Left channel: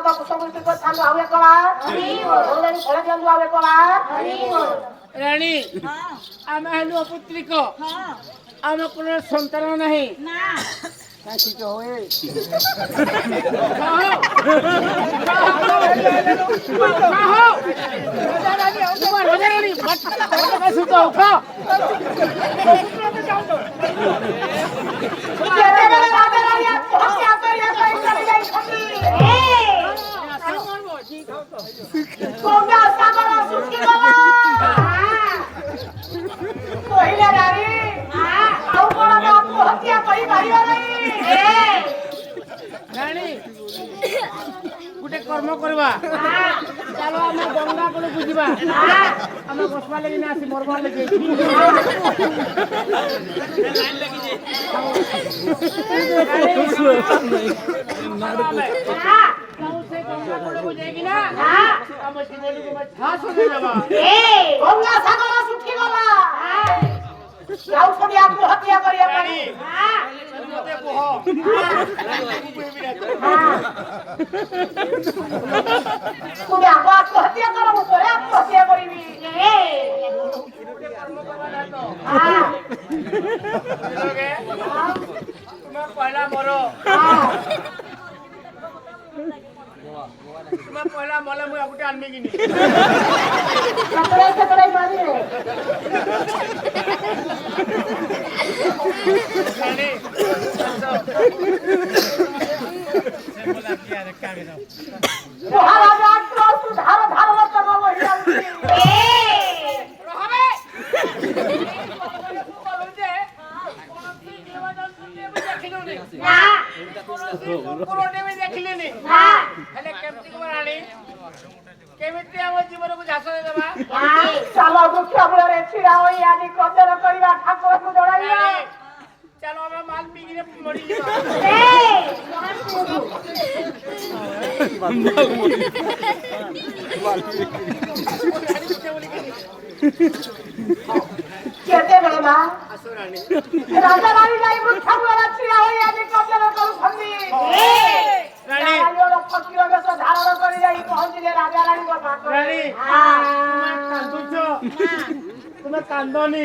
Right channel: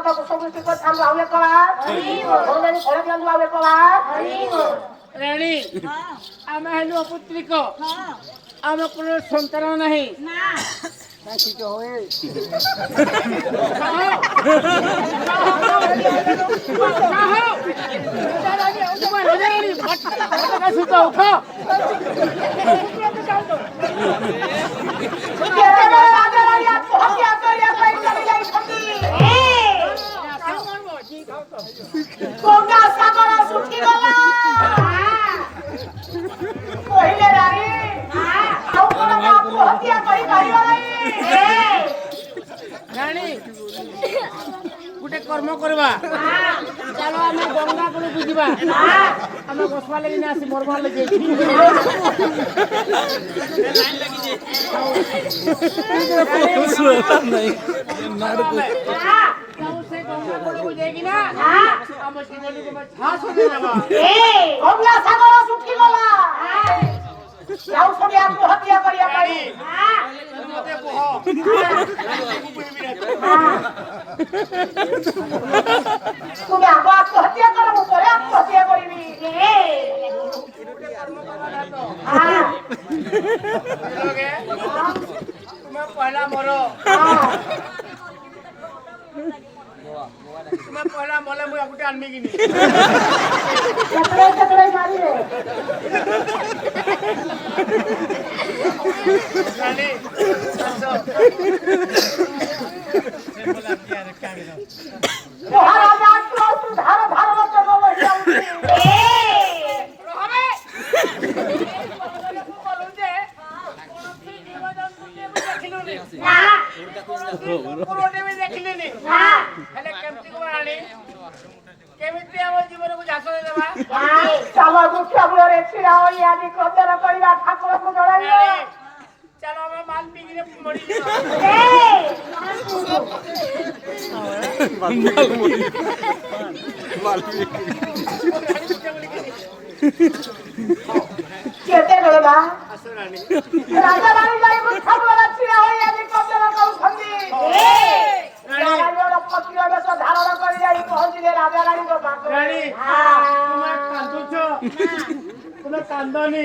କଥା କୁସମୃତି କଥା ଆଉ ଏକ ବାର ଭଗବାନ ଫଳ ଦିଅନ୍ତୁ ଆଉ ଏକ ବାର ରାଣୀ ଆମେ ହେଲୁ ଅପୁତ୍ରିକ ଆମ কোনো ସନ୍ତାନ ନାହିଁ କାହିଁକି ହୁଏ गोटे कर्म करवा चलो आम गंगा को बुझा आम बसवा लगे आसी मरवा लगे आत्महत्या तुम्हें आत्महत्या करो आत्महत्या करी तुम्हें पहला मरो तुम्हें पहला मले मुझे गोटे आनमी कि केमिति हम जीवन को झास दे देबा सामा मुख्य बुलरे छिरा होई आदि प्रचार करिबा ठाकुर को जोड़ाई चलो हम माल पीगी रे मरी जीवा केते बेबा असुरानी राजा रानी जाई मुख्य बुलरे छिरा होई आदि प्रचार करू फंदी राजा पतिया में से धारण कर जाई पहुंचले राजा रानी को बात रानी तुम्हें कांदुछो तुम्हें कांदोनी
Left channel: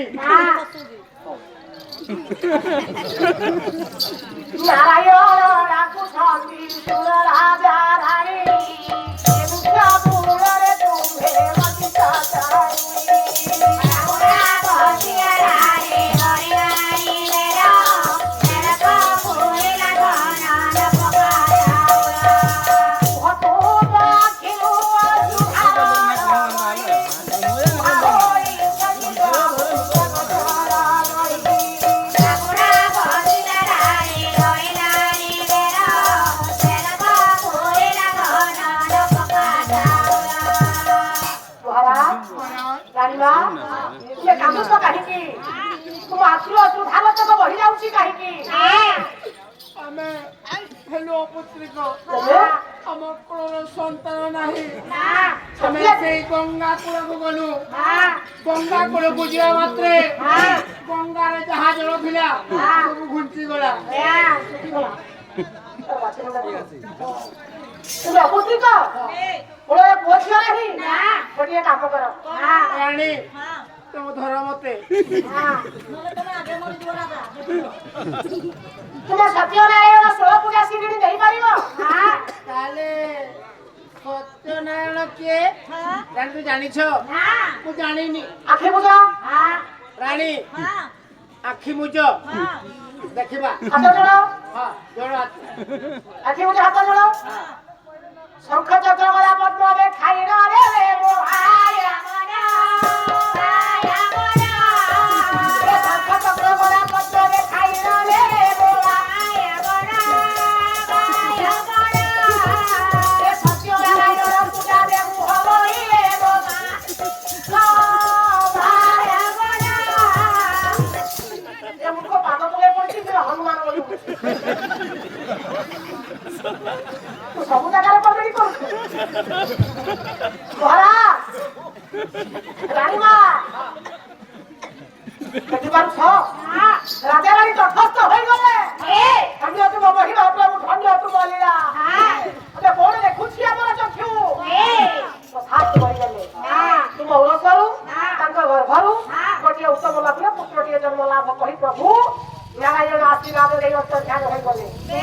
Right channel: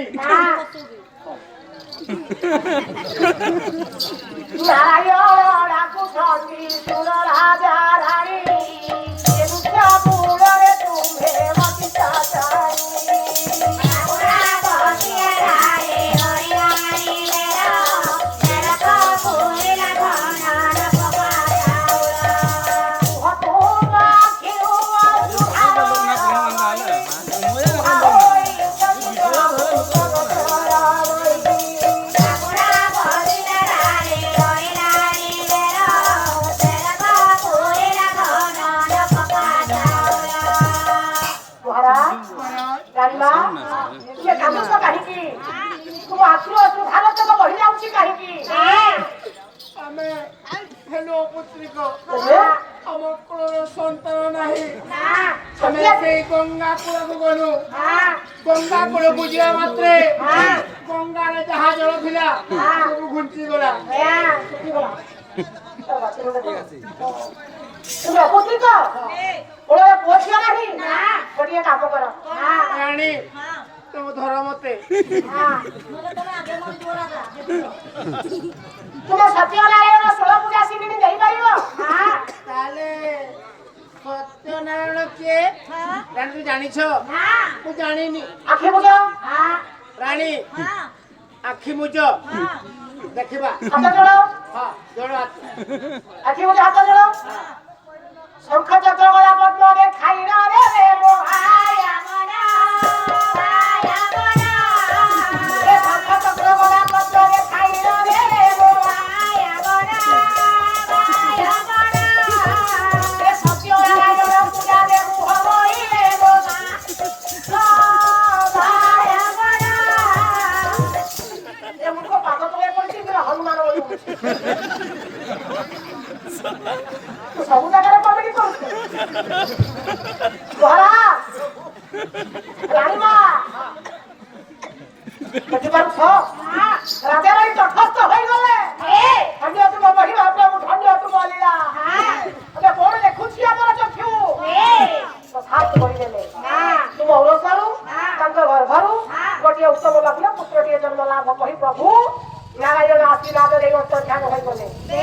नारायण डाकू छती सुर राजा रानी मुख्य बुलरे तुम्हे मति चाचाई गंगा कूल को गलु गंगा कूल को जा मात्रे गंगा रे जहा जल थिला सब घुंची गला तुम अपत्रिक बोले पोछिया नहीं गोटे काम कर रानी तुम धर मते तुम सत्यनारायण 16 पूजा सिंगड़ी नहीं पारिबो ताले सत्यनारायण के रानी तू जानी छो मु जानिनी आखि बुझो रानी आखि मुझो देखिबा हाथ जोड़ो हां जोड़ो आखि बुझो हाथ जोड़ो शंख चक्र गला पद्म रे खाई रे रे मो आया मना आया मना रे शंख चक्र गला पद्म रे खाई रे मो आया मना आया मना रे सत्यनारायण पूजा रे होई रे मो आया मना ए मुको पाद तले पड़छि रे हनुमान बोलू सब जगह कमेडी कर बड़ा रानी मां कति बार छ राजा रानी तटस्थ होई गले धन्य तुम महिमा प्रभु धन्य तुम लीला अबे कोण देखुछिया ଗୋଟିଏ ଉତ୍ତମ ଲଗ୍ନ ପୁତ୍ରଟିଏ ଜନ୍ମ ଲାଭ କରି ପ୍ରଭୁ ନାରାୟଣ ଆଶୀର୍ବାଦ ଦେଇ ଅନ୍ତର୍ଧ୍ୟାନ ହୋଇଗଲେ। ସେ